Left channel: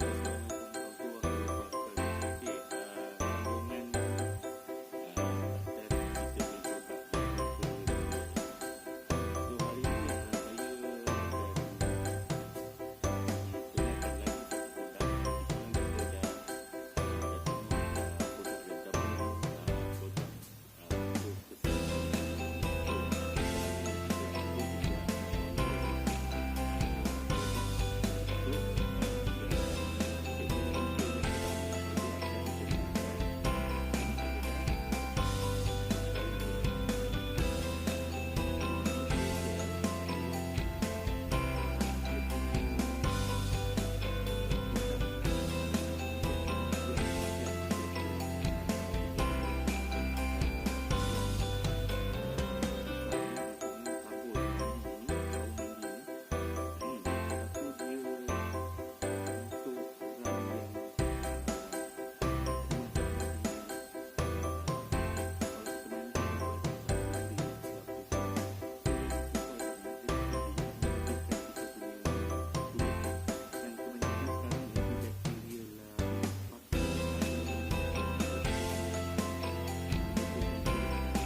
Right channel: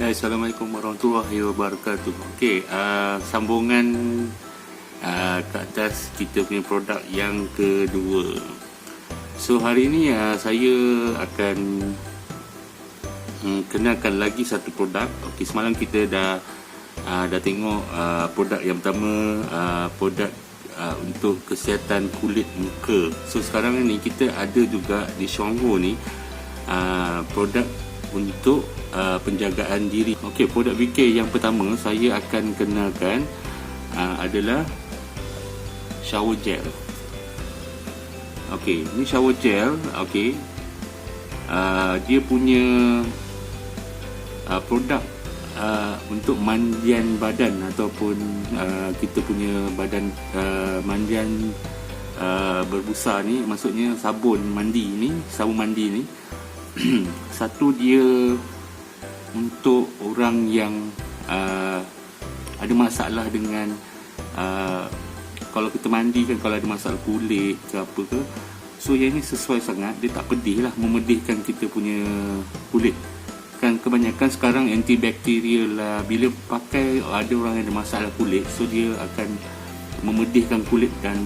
Ya, Assalamualaikum warahmatullahi wabarakatuh. Okey, sambungan ke atas kita punya produk yang kedua. So hari ini saya akan kenalkan lagi satu produk. Okey, semalam kita dah tengok produk yang pertama, produk untuk kesihatan kulit muka. So sekarang ni kita ada juga di Shonghu ni produk untuk penjagaan diri. Okey, produk VK yang pertama saya akan kenalkan adalah shower gel. Okey, ni shower gel. Okey, dia punya produk untuk mandian badan ataupun kita punya badan mandian berbusa ni, maksudnya sabun mandi ni. Satu, dia untuk orang yang ada masalah dengan kalau kita mandi kan, kalau ada masalah kulit ke apa ke, so yang ni sesuai sangat. Dia tak pedih lah, memedihkan kita punya kulit kan. Kebanyakan sekarang antibakterial lah. Bila pakai, ada orang yang ada masalah kulit, so dia akan memedihkan kulit dan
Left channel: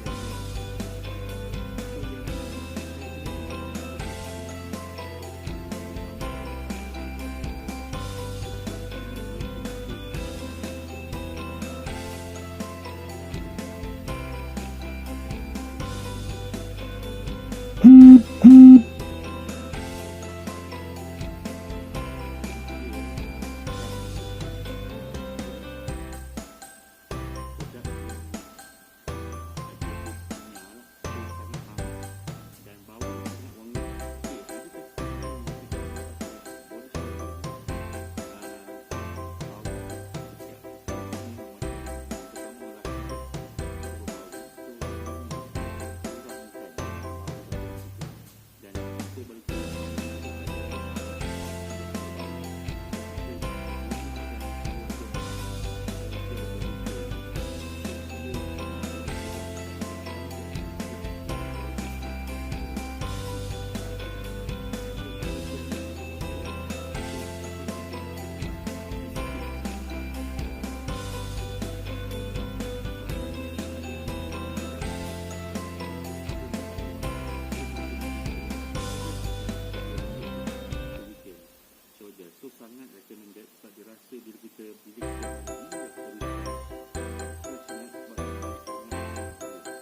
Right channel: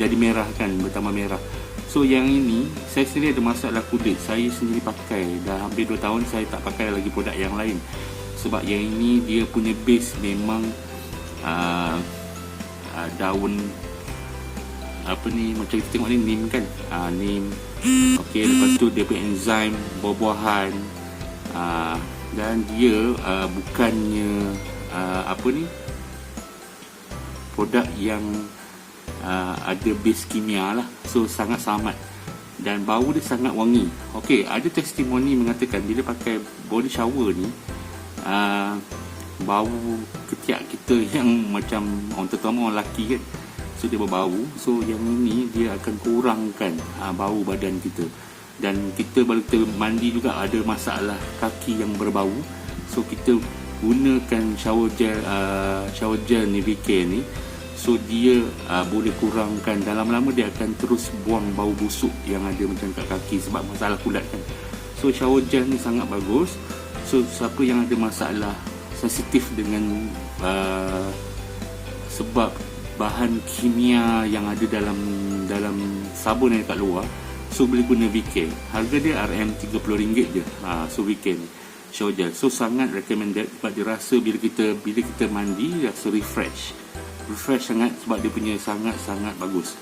jadi merah kan, bertambah merah. So yang ini, saya sendiri ada masalah kulit, saya sendiri pakai dah hampir 2 tahun. Saya tak pakai lagi produk yang lain, sebab yang ini dia punya base memang daun apa ni, macam kita tengok ni, neem kan, neem. Okey, lepas tu dia punya enzim buah-buahan, dan dia bukannya apa ni, produk yang ada base kimia lah. So sangat selamat dan bau dia sangat wangi. Okey, ada testimoni mengatakan bila pakai body shower ni, bau ketiak kita yang macam orang terutama orang lelaki kan, so dia berbau. So yang ini dia akan kurangkan bau badan kita. Dan kita baru kita mandi juga ada masalah kaki yang berbau, so kita gunakan shower gel ni, VK ni. So dia boleh kurangkan, dalam lama dia akan terus buang bau busuk yang ada macam kat kaki sebab masalah kulat kan. So shower gel ni sangat bagus. So siapa yang ada masalah sensitif dengan sebab bahan kimia yang ada dalam sabun yang kat luar, so boleh guna VK. Harga dia RM30 je. So VK ni shower gel, so sangat recommended sebab dia rasa bila kita mandi rasa refresh sangat, sebab dia punya sangat bagus.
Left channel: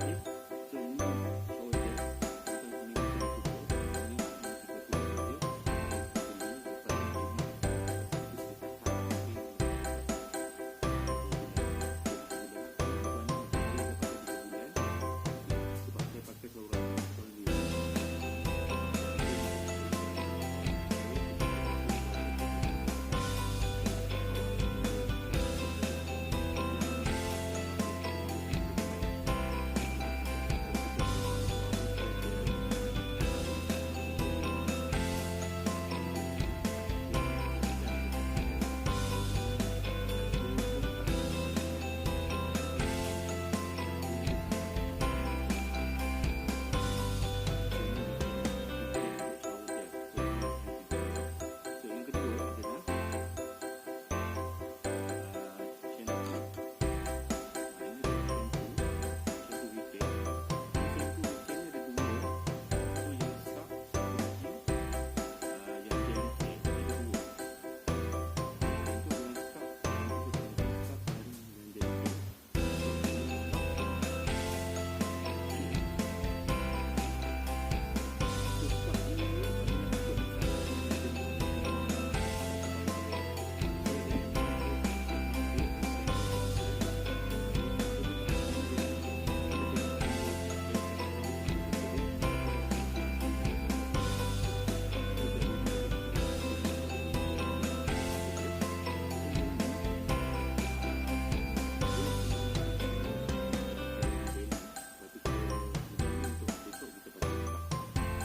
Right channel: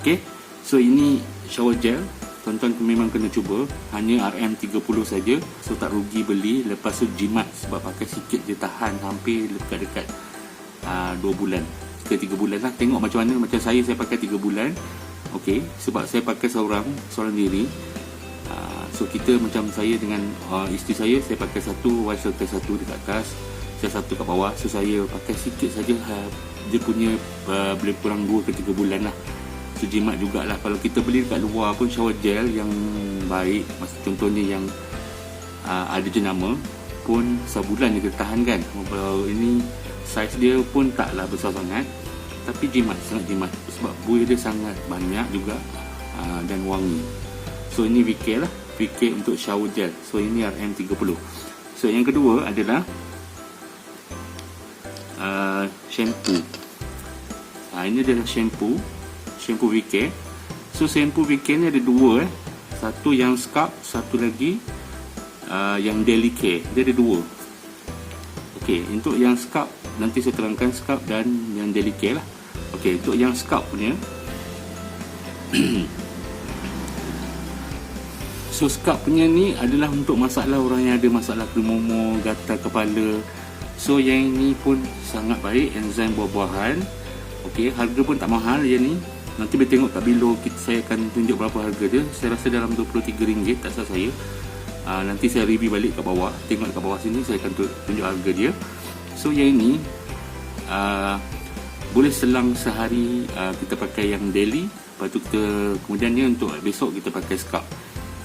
Okey, so ini shower gel, tuan-tuan memang kena cuba. Hanya RM30 saja, so tak rugi beli. Lepas tu jimat, sebab pakai sikit dia tahan hampir dekat 2 bulan ke 3 bulan lah, tengok macam mana. Macam saya pakai 3 bulan. Okey, sebab saya pakai seorang diri. So kita macam saya dengan isteri saya pakai satu, wife pakai satu dekat atas, saya satu kat bawah. So saya pakai sikit saja, dia punya boleh kurang 2 ke 3 bulan lah. So jimat jugalah. Kalau kita beli dekat luar pun shower gel yang baik, contohnya yang ada jenama pun, sebulan dia tahan kan. Ini saiz dia pun taklah besar sangat, tapi sangat jimat sebab buih dia sangat banyak juga dan wangi. So ini VK lah, VK untuk shower gel. So ini RM30. So yang kedua adalah shampoo. Ini adalah shampoo VK. So shampoo VK ni ada 2 satu yang scalp, satu lagi yang daily care. Dia ada 2. Okey, untuk yang scalp nanti saya terangkan scalp dan yang daily care lah. Okey, untuk yang scalp punya so scalp punya ni adalah untuk masalah orang yang ada masalah kemumu, gatal kepala. So yang ini pun sangat baik, enzim buah-buahan. Okey, harga pun tak mahal yang ni. Nanti boleh tengok kat below, saya akan tunjuk berapa harga dia. Saya rasa dalam RM23, tak salah saya. Nanti saya review balik kat bawah. Tengok kat bawah sini, saya akan tunjuk harga dia. So yang ini boleh selang sehari, kita pakai yang daily. Lepas tu kemudiannya untuk besok kita pakai scalp.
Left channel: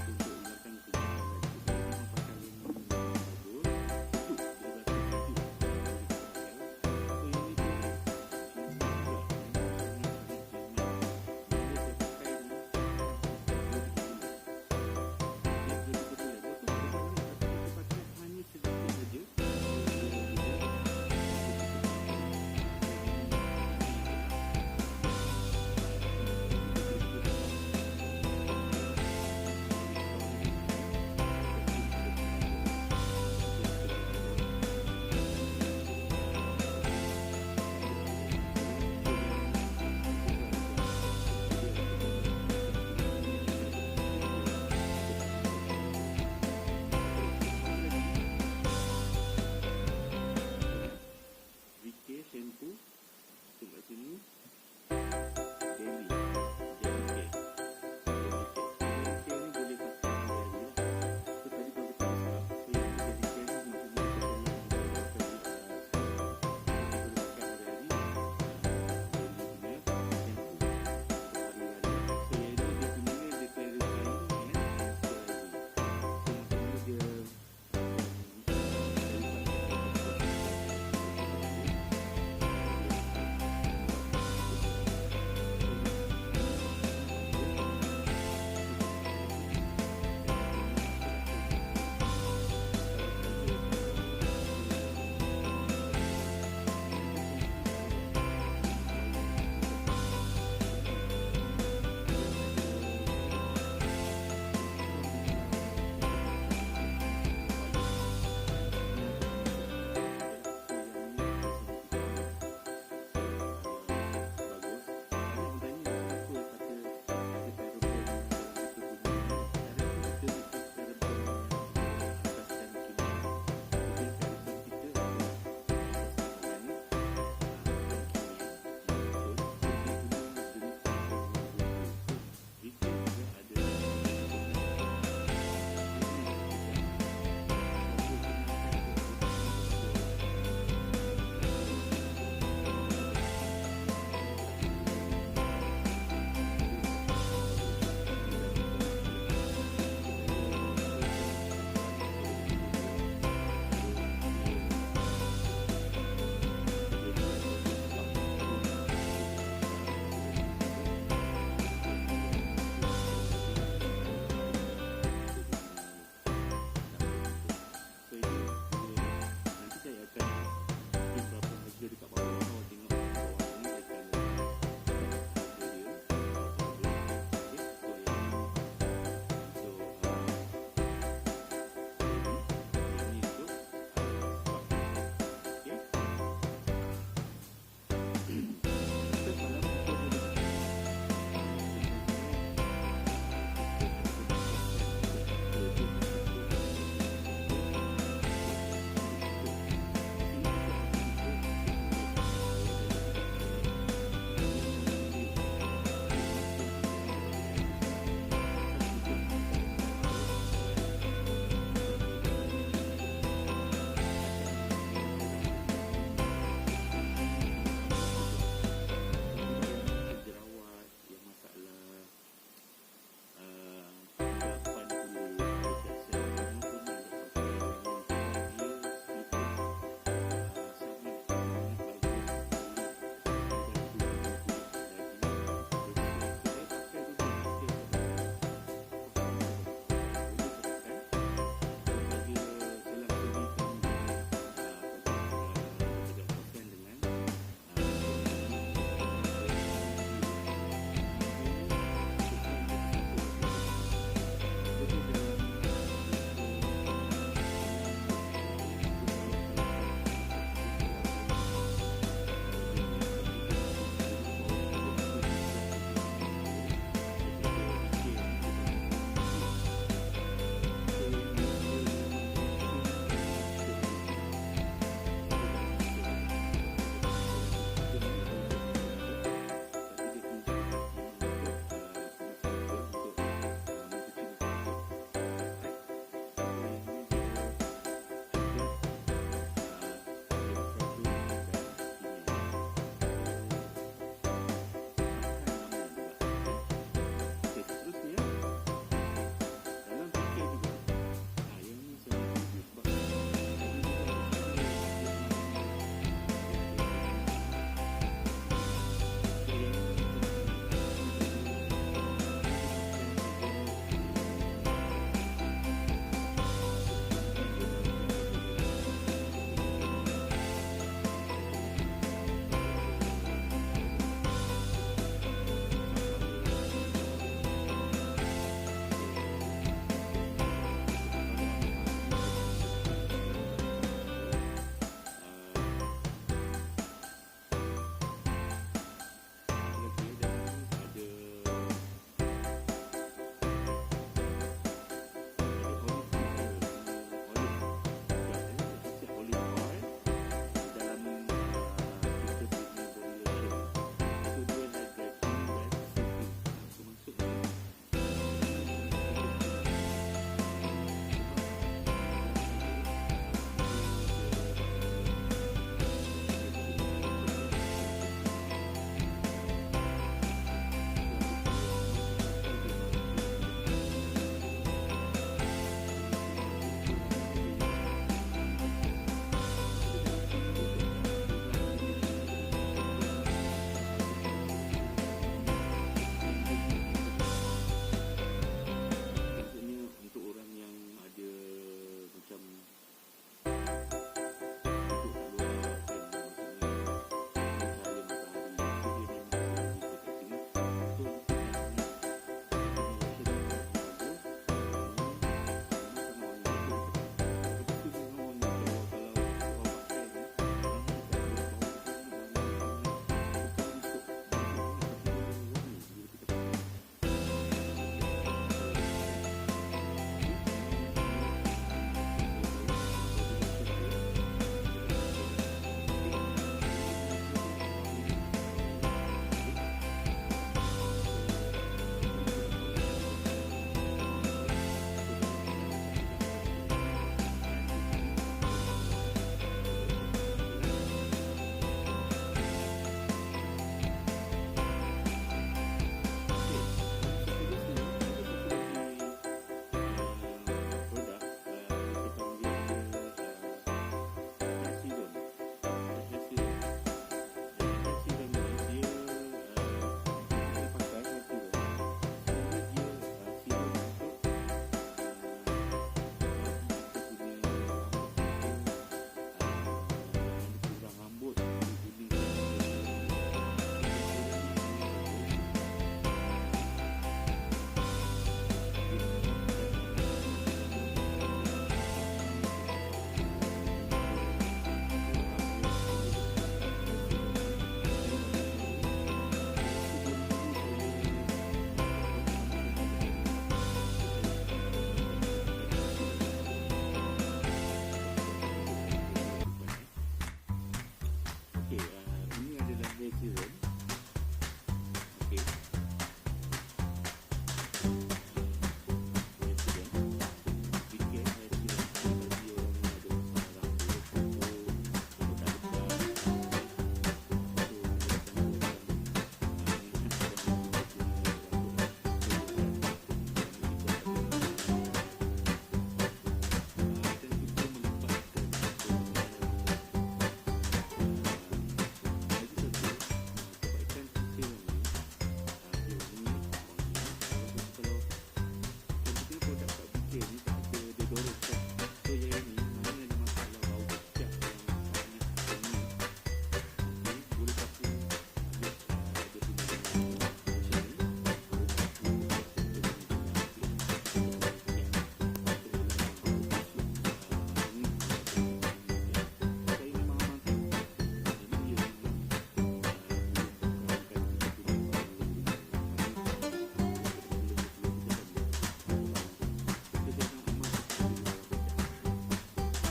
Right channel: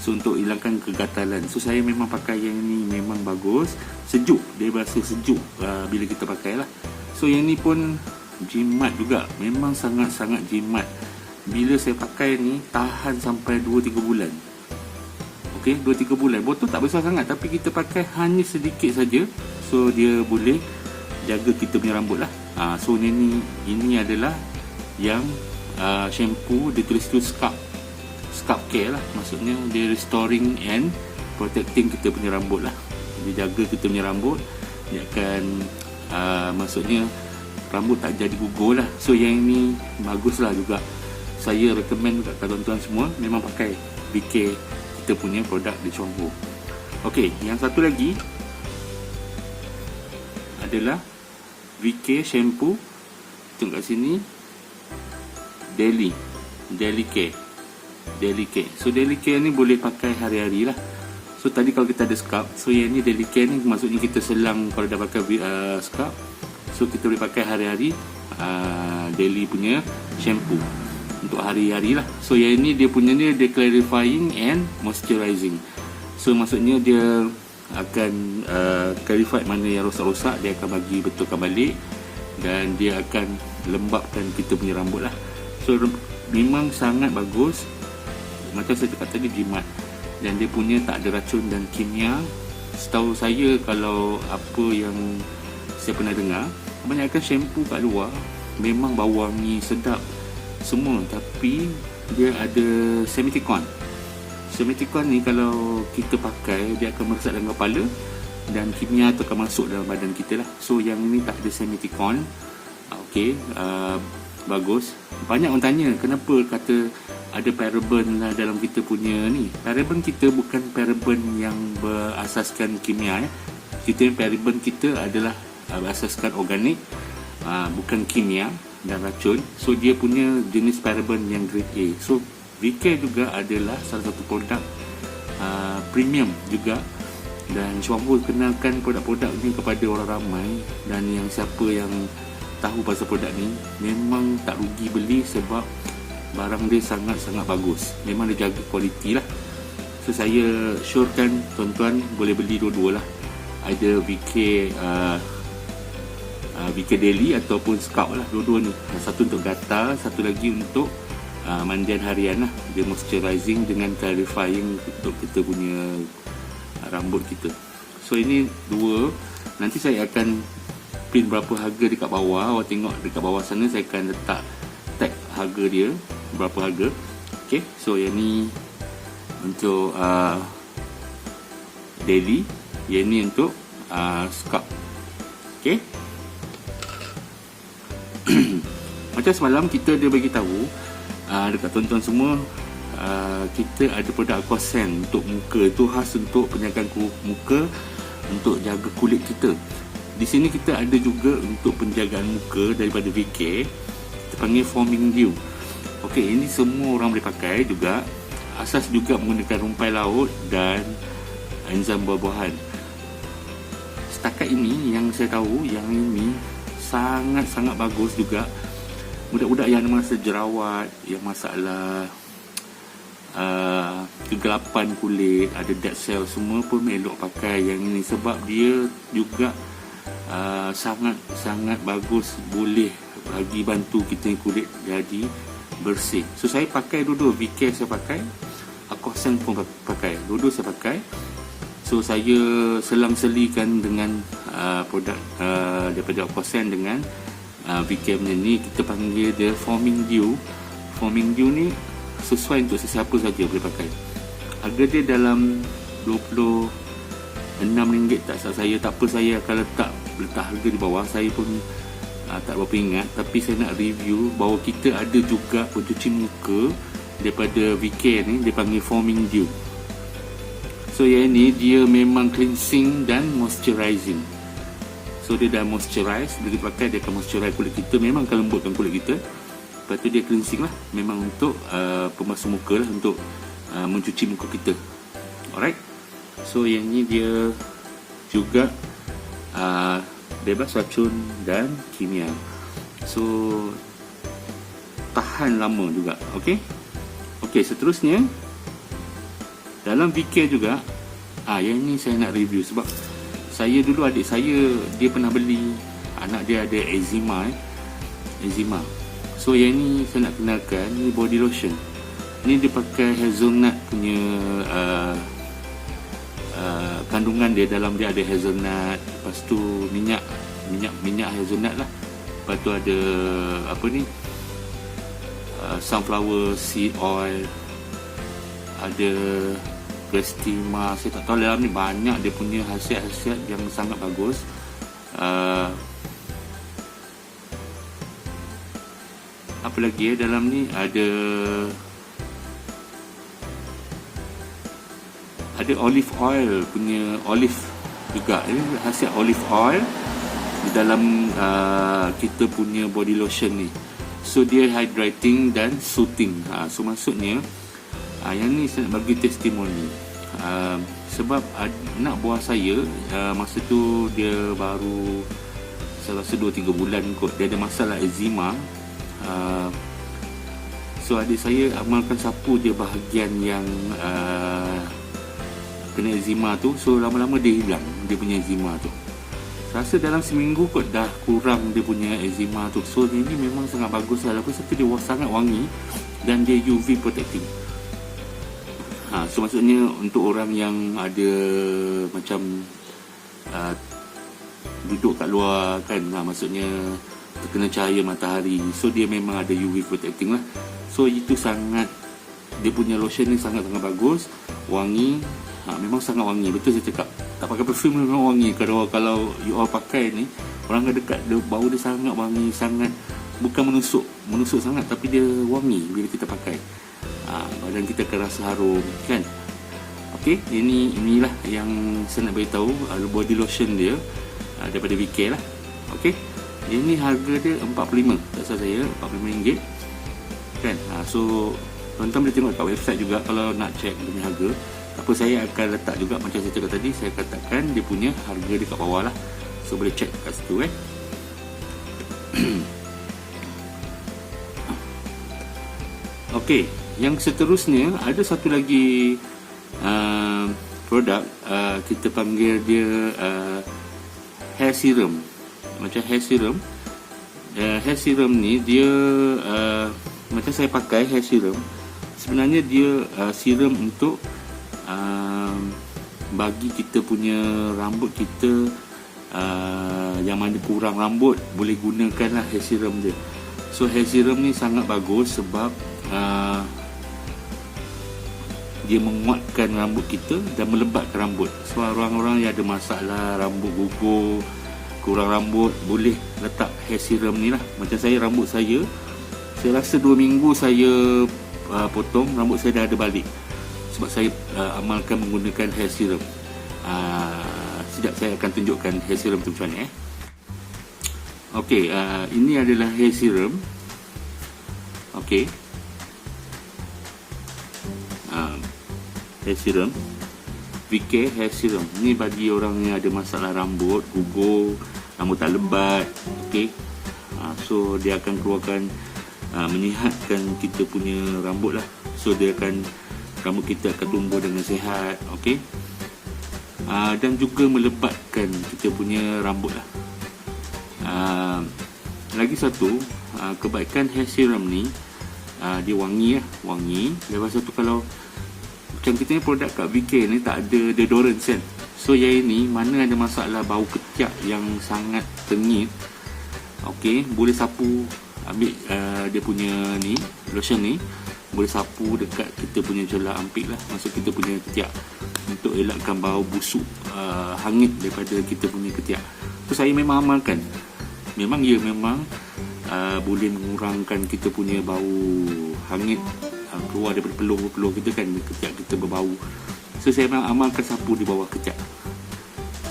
So untuk hilangkan kegatalan. So saya memang pakai yang ni, memang bagus. Sejuk, dia rasa sejuk bila kita pakai lah. So yang ni pun jimat juga, memang sangat-sangat jimat. Bila saya pakai ni tahan sampai 2-3 bulan. okey, 2-3 bulan. Botol tak besar sangat tapi kita pakai hanya sedikit saja. So dia boleh jaga kita punya rambut lah. So ini adalah yang shampoo, dia tulis tu scalp care lah. Maksudnya dia restoring and protecting kita punya rambut lah. Dia jaga kita punya rambut. Dia akan maksudnya rambut tak jadi gugur lah. So yang ini bagus lah juga. Saya recommend kat tuan-tuan semua memang pakai VK kita punya produk di shampoo. Okey, yang satu lagi adalah VK shampoo. Tengok kat sini, Daily Care. So Daily Care ni boleh pakai hari-hari lah. So tadi kalau kita ada scalp, so yang ni Daily Care ni maksudnya kita selang kalau dah pakai scalp. So kita boleh pakai hari-hari daily punya shampoo untuk hari-hari lah. So yang ini dia punya ni dia clarifying and moisturizing. So maksudnya dia akan clarify mana yang rosak-rosak, dia akan bagi betulkan balik dan dia akan lembapkan kita punya rambut lah. So memang sangat bagus. Macam saya cakap tadi, jimat, dan dia punya tak ada racun dan kimia. Setahu saya, kalau apa yang saya pernah dengar, kebanyakan shampoo kat luar memang bau wangi sedap semua, tapi dia ada semiticon. Semiticon ni kalau kita pakai, dia akan meresap dalam kepala dan kimia tu akan masuk dalam badan kita lah. So yang ni tak ada semiticon. Okey, bagus. Banyak orang tanya kenapa kata ada paraben lah dalam kita punya ni. Paraben kita bukan paraben yang berasaskan kimia. Kita paraben kita adalah berasaskan organik, bukan kimia dan racun. So dia punya jenis paraben yang grade A. So VK juga adalah salah satu produk premium juga, dan Shampoo kenalkan produk-produk ni kepada orang ramai, dan yang siapa yang tahu pasal produk ni memang tak rugi beli sebab barang dia sangat-sangat bagus. Memang dia jaga kualiti lah. So saya syorkan tuan-tuan boleh beli dua-dua lah. Ada VK Daily ataupun Scalp lah, dua-dua ni. Satu untuk gatal, satu lagi untuk mandian harian lah. Dia moisturizing dengan clarifying untuk kita punya rambut kita. So ini dua. Nanti saya akan pin berapa harga dekat bawah. Awak tengok dekat bawah sana, saya akan letak tag harga dia, berapa harga. Okay, so yang ni untuk daily, yang ni untuk scalp. Okay. Macam semalam kita dia bagi tahu dekat tuan-tuan semua, kita ada produk Aquasen untuk muka. Itu khas untuk penjagaan muka, untuk jaga kulit kita. Di sini kita ada juga untuk penjagaan muka daripada VK, kita panggil Foaming Dew. Okey, ini semua orang boleh pakai juga. Asas juga menggunakan rumpai laut dan enzim buah-buahan. Setakat ini yang saya tahu, yang ini sangat-sangat bagus juga. Budak-budak yang ada masalah jerawat, yang masalah kegelapan kulit, ada dead cell, semua pun elok pakai yang ini sebab dia juga sangat-sangat bagus, boleh bagi bantu kita kulit jadi bersih. So saya pakai dua-dua, VK saya pakai, Aquasen pun pakai, dua-dua saya pakai. So saya selang-selikan dengan produk daripada Aquasen dengan VK punya ni, kita panggil dia Foaming Dew. Foaming Dew ni sesuai untuk sesiapa saja boleh pakai. Harga dia dalam RM26 tak salah saya. Tak apa, saya akan letak harga di bawah. Saya pun tak berapa ingat, tapi saya nak review bahawa kita ada juga pencuci muka daripada VK ni, dia panggil Foaming Dew. So yang ni dia memang cleansing dan moisturizing. So dia dah moisturize, dia dipakai, dia akan moisturize kulit kita, memang akan lembutkan kulit kita. Lepas tu dia cleansing lah, memang untuk pembasuh muka lah, untuk mencuci muka kita. Alright. So yang ni dia juga bebas racun dan kimia. So tahan lama juga. Okey. Okey, seterusnya dalam VK juga yang ni saya nak review sebab saya dulu, adik saya dia pernah beli, anak dia ada eczema. So yang ni saya nak kenalkan, ni body lotion. Ni dia pakai hazelnut punya kandungan dia, dalam dia ada hazelnut, lepas tu minyak hazelnut lah, lepas tu ada apa ni, sunflower seed oil, ada Restima, saya tak tahu, dalam ni banyak dia punya khasiat-khasiat yang sangat bagus. Apa lagi dalam ni, ada olive oil punya, olive juga, ini khasiat olive oil di dalam kita punya body lotion ni. So dia hydrating dan soothing. So maksudnya yang ni saya nak bagi testimoni, sebab anak buah saya masa tu dia baru, saya rasa 2-3 bulan kot, dia ada masalah eczema. So adik saya amalkan sapu dia bahagian yang kena eczema tu. So lama-lama dia hilang dia punya eczema tu. Rasa dalam seminggu kot dah kurang dia punya eczema tu. So ini memang sangat bagus lah. Lepas tu dia sangat wangi dan dia UV protecting. So maksudnya untuk orang yang ada macam duduk kat luar kan, maksudnya terkena cahaya matahari, so dia memang ada UV protecting lah. So itu sangat, dia punya lotion ni sangat-sangat bagus, wangi, memang sangat wangi. Betul saya cakap, tak pakai perfume memang wangi. Kalau you all pakai ni, orang dekat dia, bau dia sangat wangi, sangat, bukan menusuk sangat, tapi dia wangi bila kita pakai. Badan kita akan rasa harum kan. Okey, inilah yang saya nak beritahu, body lotion dia daripada VK lah. Okey, ini harga dia 45, tak salah saya, RM45 kan. So tuan-tuan boleh tengok kat website juga kalau nak check dia punya harga. Apa, saya akan letak juga macam saya cakap tadi, saya akan letakkan dia punya harga dekat bawah lah, so boleh check kat situ Okey, yang seterusnya ada satu lagi produk, kita panggil dia hair serum. Macam hair serum, hair serum ni dia macam saya pakai hair serum, sebenarnya dia serum untuk bagi kita punya rambut kita yang mana kurang rambut, boleh gunakan lah hair serum dia. So hair serum ni sangat bagus sebab dia menguatkan rambut kita dan melebatkan rambut. So orang-orang yang ada masalah rambut gugur, kurang rambut, boleh letak hair serum ni lah. Macam saya, rambut saya rasa 2 minggu saya potong, rambut saya dah ada balik sebab saya amalkan menggunakan hair serum. Sekejap saya akan tunjukkan hair serum tu macam mana. Okey, ini adalah hair serum. Okey, hair serum VK hair serum ni bagi orang yang ada masalah rambut gugur, rambut tak lebat. Okey, so dia akan keluarkan, menyihatkan kita punya rambut lah. So dia akan, rambut kita akan tumbuh dengan sihat. Okey, dan juga melebatkan kita punya rambut lah. Lagi satu kebaikan hair serum ni, dia wangi lah, wangi. Lepas tu kalau macam kita ni produk kat VK ni tak ada deodorant kan. So yang ini mana ada masalah bau ketiak yang sangat tengit, okey, boleh sapu, ambil dia punya ni lotion ni, boleh sapu dekat kita punya celah ampit lah, maksud kita punya ketiak, untuk elakkan bau busuk hangit daripada kita punya ketiak. So saya memang amalkan, memang boleh mengurangkan kita punya bau hangit keluar daripada peluh-peluh kita kan, ketiak kita berbau. So saya memang amalkan sapu di bawah ketiak.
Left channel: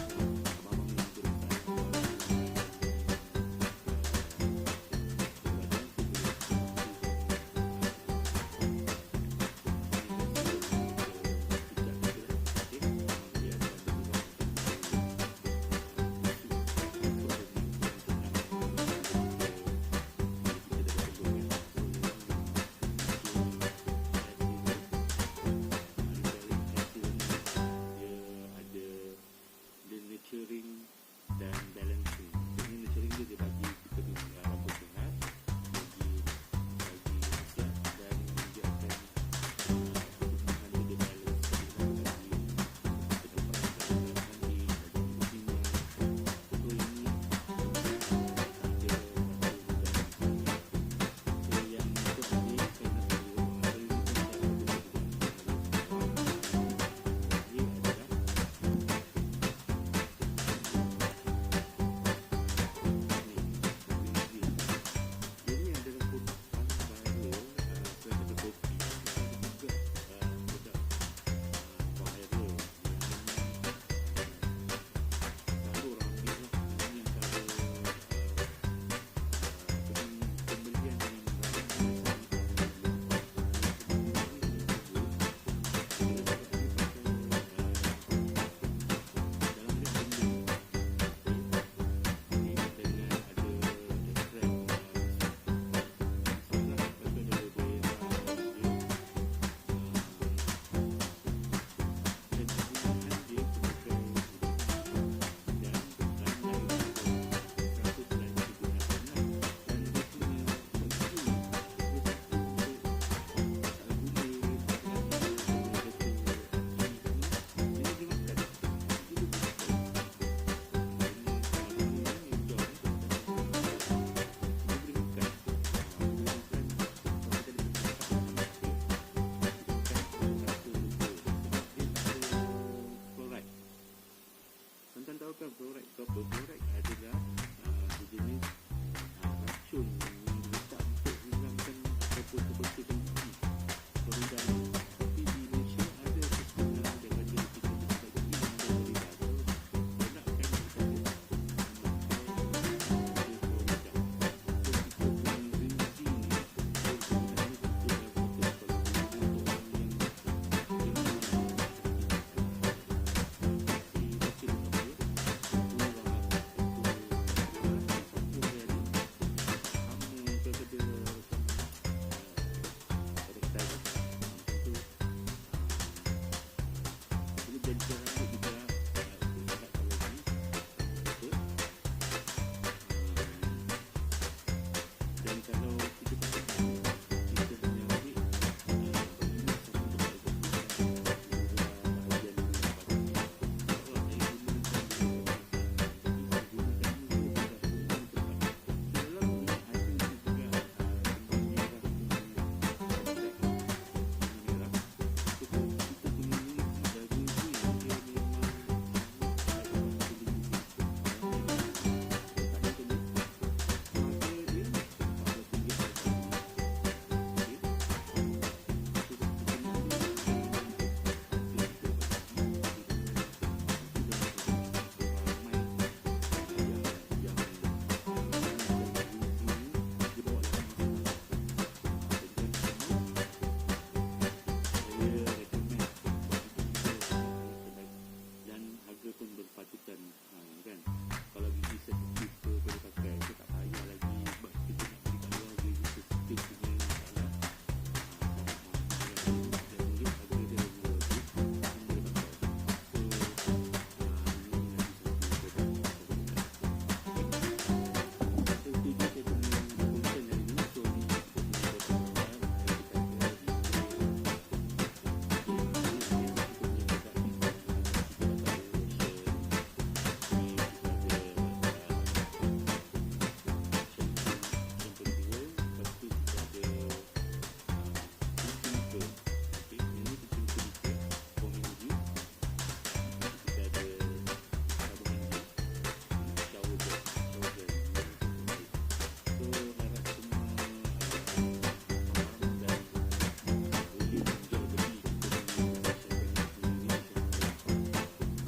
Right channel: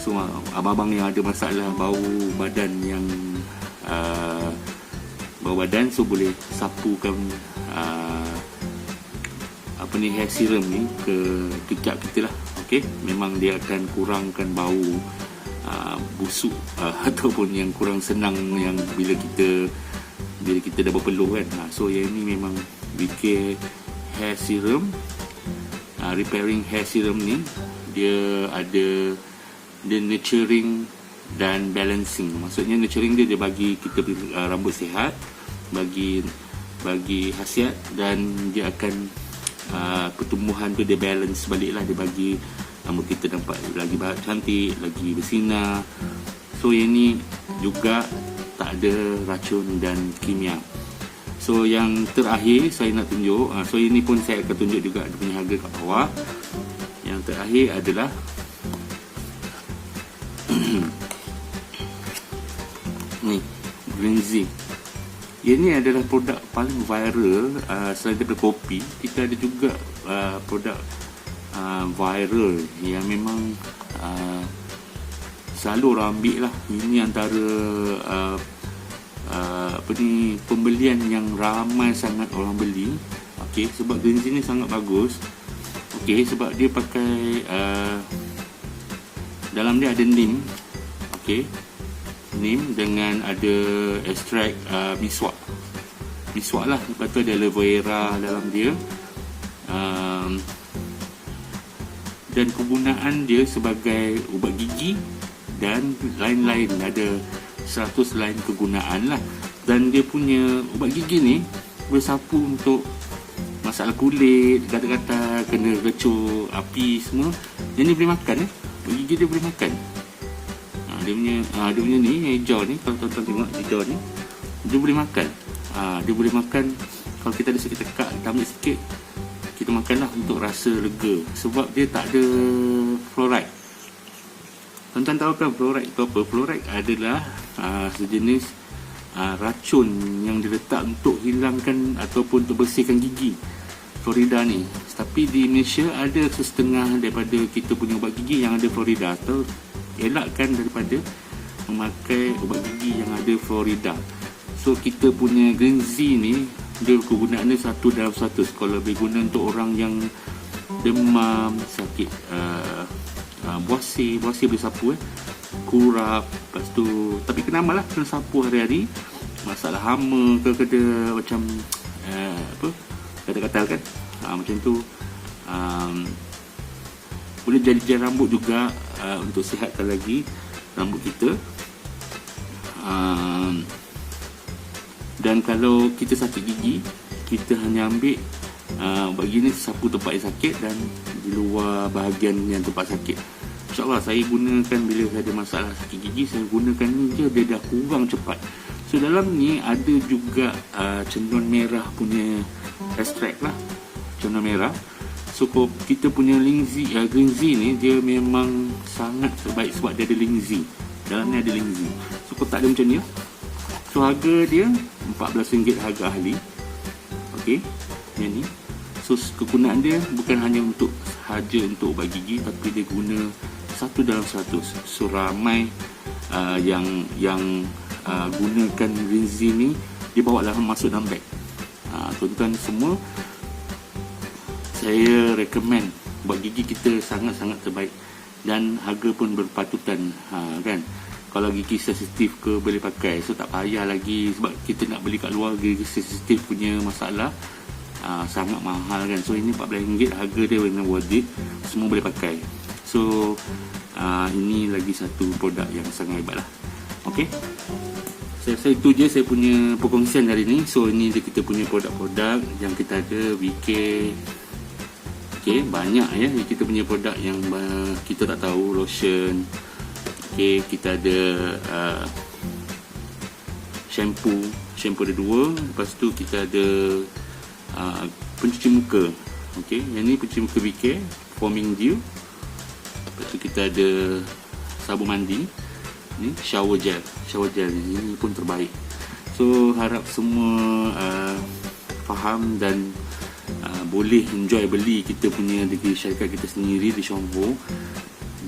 So abang-abang yang ada masalah bau badan yang bau badan, so boleh sapukan hair serum ni ke ketiak kita lah. Okey, memang dia akan kurangkan bau busuk ataupun yang kurang senang yang bila kita dah berpeluh kan. So yang ini memang VK hair serum, repairing hair serum ni, dia ada nurturing dan balancing. Maksudnya nurturing dia bagi kita rambut sihat, bagi khasiat, dan dia akan pertumbuhan tu dia balance balik lah, dia bagi rambut kita nampak lagi cantik, lagi bersinar. So yang ni juga tak ada racun dan kimia. So yang terakhir saya nak tunjuk, so ini pun saya akan tunjuk juga dia punya harga kat bawah. Yang terakhir adalah ni, Green Zinc. Ini adalah produk paling viral. Selain daripada kopi, kita ada juga produk viral yang memang selalu orang ambil lah. Ini antara pembelian yang ramai sangat orang beli. Okey, sebab Green Zinc ni sangat bagus. Okey, sebab dia pakai dalam dia ada neem. Okey, neem dengan ada ekstrak miswak lah. Lepas tu ada aloe vera dalam dia. Dan kegunaan dia sebagai ubat gigi dan lain-lain, ada 100 lain kegunaan lah. Dan dia punya ubat gigi ni bersapu untuk masalah kulit, kata-kata kena kecoh, api semua. Yang ni boleh makan, ubat gigi dia boleh makan. Dia punya ni hijau ni, kalau tuan-tuan tengok hijau ni, dia boleh makan. Dia boleh makan. Kalau kita ada sakit tekak, kita ambil sikit, kita makanlah untuk rasa lega. Sebab dia tak ada fluoride. Tuan-tuan tahu kan fluoride itu apa? Fluoride adalah sejenis racun yang diletak untuk hilangkan ataupun untuk bersihkan gigi. Fluorida ni. Tapi di Malaysia ada setengah daripada kita punya ubat gigi yang ada fluorida, atau elakkan daripada memakai ubat gigi yang ada fluorida. So kita punya Green Zinc ni, dia kegunaan dia 1 dalam 100. Kalau lebih guna untuk orang yang demam, sakit buasir boleh sapu, kurap, lepas tu, tapi kena amal lah, kena sapu hari-hari. Masalah hama ke kena macam kata-kata kan, macam tu. Boleh jadi rambut juga, untuk sihatkan lagi rambut kita. Dan kalau kita sakit gigi, kita hanya ambil ubat gigi ni, sapu tempat yang sakit dan di luar bahagian yang tempat sakit. InsyaAllah saya gunakan bila saya ada masalah sakit gigi, saya gunakan ni je, dia dah kurang cepat. So dalam ni ada juga cenduan merah punya ekstrak lah, cenduan merah. So kita punya Green Zinc ni, dia memang sangat terbaik sebab dia ada linzi. Dalam ni ada linzi. So kotak dia macam ni. So harga dia RM14 harga ahli. Okey, yang ni. So kegunaan dia bukan hanya untuk ubat gigi, tapi dia guna 1 dalam 100. So ramai yang gunakan Green Zinc ni, dia bawa dalam, masuk dalam beg. Tuan-tuan semua, saya recommend ubat gigi kita sangat-sangat terbaik dan harga pun berpatutan, kan. Kalau gigi sensitif ke boleh pakai, so tak payah lagi, sebab kita nak beli kat luar gigi sensitif punya masalah sangat mahal kan. So ini RM14 harga dia memang worth it, semua boleh pakai. So ini lagi satu produk yang sangat hebat lah. Ok, saya rasa itu je saya punya perkongsian hari ni. So ini dia kita punya produk-produk yang kita ada, VK. Ok, banyak ya kita punya produk yang kita tak tahu. Lotion. Ok, kita ada shampoo ada 2. Lepas tu kita ada pencuci muka. Ok, yang ni pencuci muka VK foaming dew. Lepas tu kita ada sabun mandi ni, shower gel ni pun terbaik. So harap semua faham dan boleh enjoy beli kita punya di syarikat kita sendiri di Shombo.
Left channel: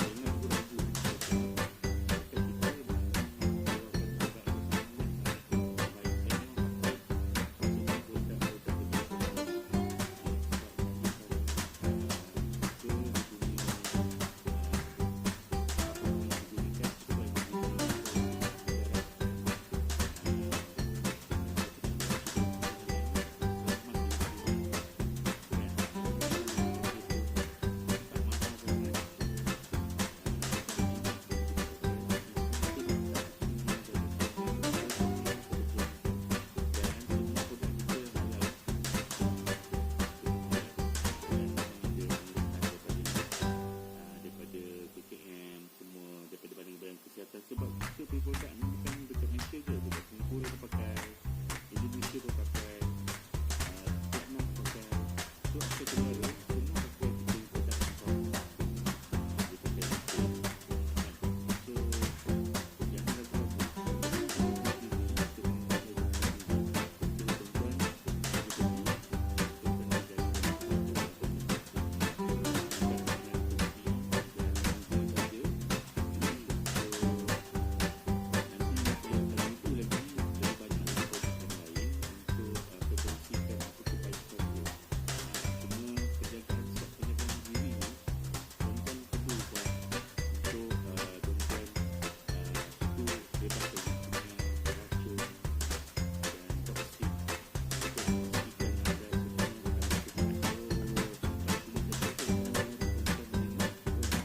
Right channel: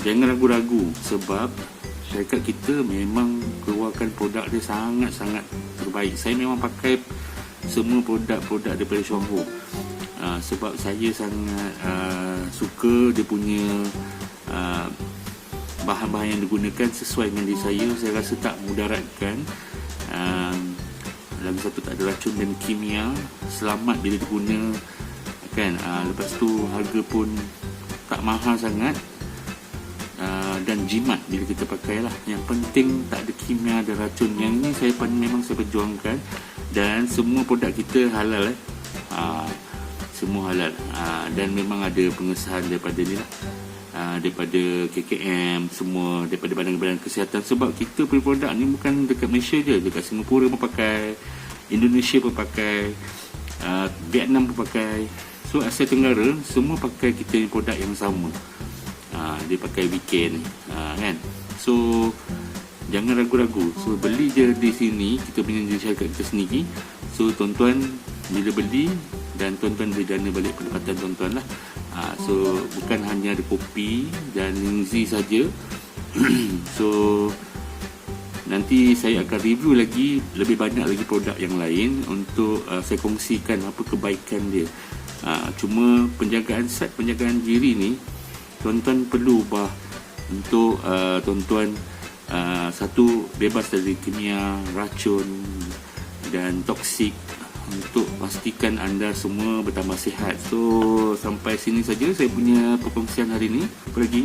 Jangan ragu-ragu, sebab syarikat kita memang keluarkan produk dia sangat-sangat terbaik. Saya memang pakai semua produk-produk daripada Shombo, sebab saya sangat suka dia punya bahan-bahan yang digunakan sesuai dengan diri saya. Saya rasa tak mudaratkan, lagi satu tak ada racun dan kimia, selamat bila diguna kan. Lepas tu harga pun tak mahal sangat, dan jimat bila kita pakai lah. Yang penting tak ada kimia dan racun. Yang ni memang saya perjuangkan, dan semua produk kita halal semua halal, dan memang ada pengesahan daripada ni lah. daripada KKM, semua daripada badan-badan kesihatan. Sebab kita punya produk ni bukan dekat Malaysia je, dekat Singapura pun pakai, Indonesia pun pakai, Vietnam pun pakai. So Asia Tenggara semua pakai kita punya produk yang sama. Dia pakai weekend, kan. So jangan ragu-ragu. So beli je di sini, kita punya syarikat kita sendiri. So tuan-tuan bila beli, dan tuan-tuan boleh jana balik pendapatan tuan-tuan lah. So bukan hanya ada kopi dan Ningzi saja. So nanti saya akan review lagi lebih banyak lagi produk yang lain untuk saya kongsikan apa kebaikan dia. Cuma penjagaan diri ni tuan-tuan perlu ubah untuk tuan-tuan satu, bebas dari kimia, racun dan toksik, untuk pastikan anda semua bertambah sihat. So sampai sini saja saya punya perkongsian hari ini. Apa lagi?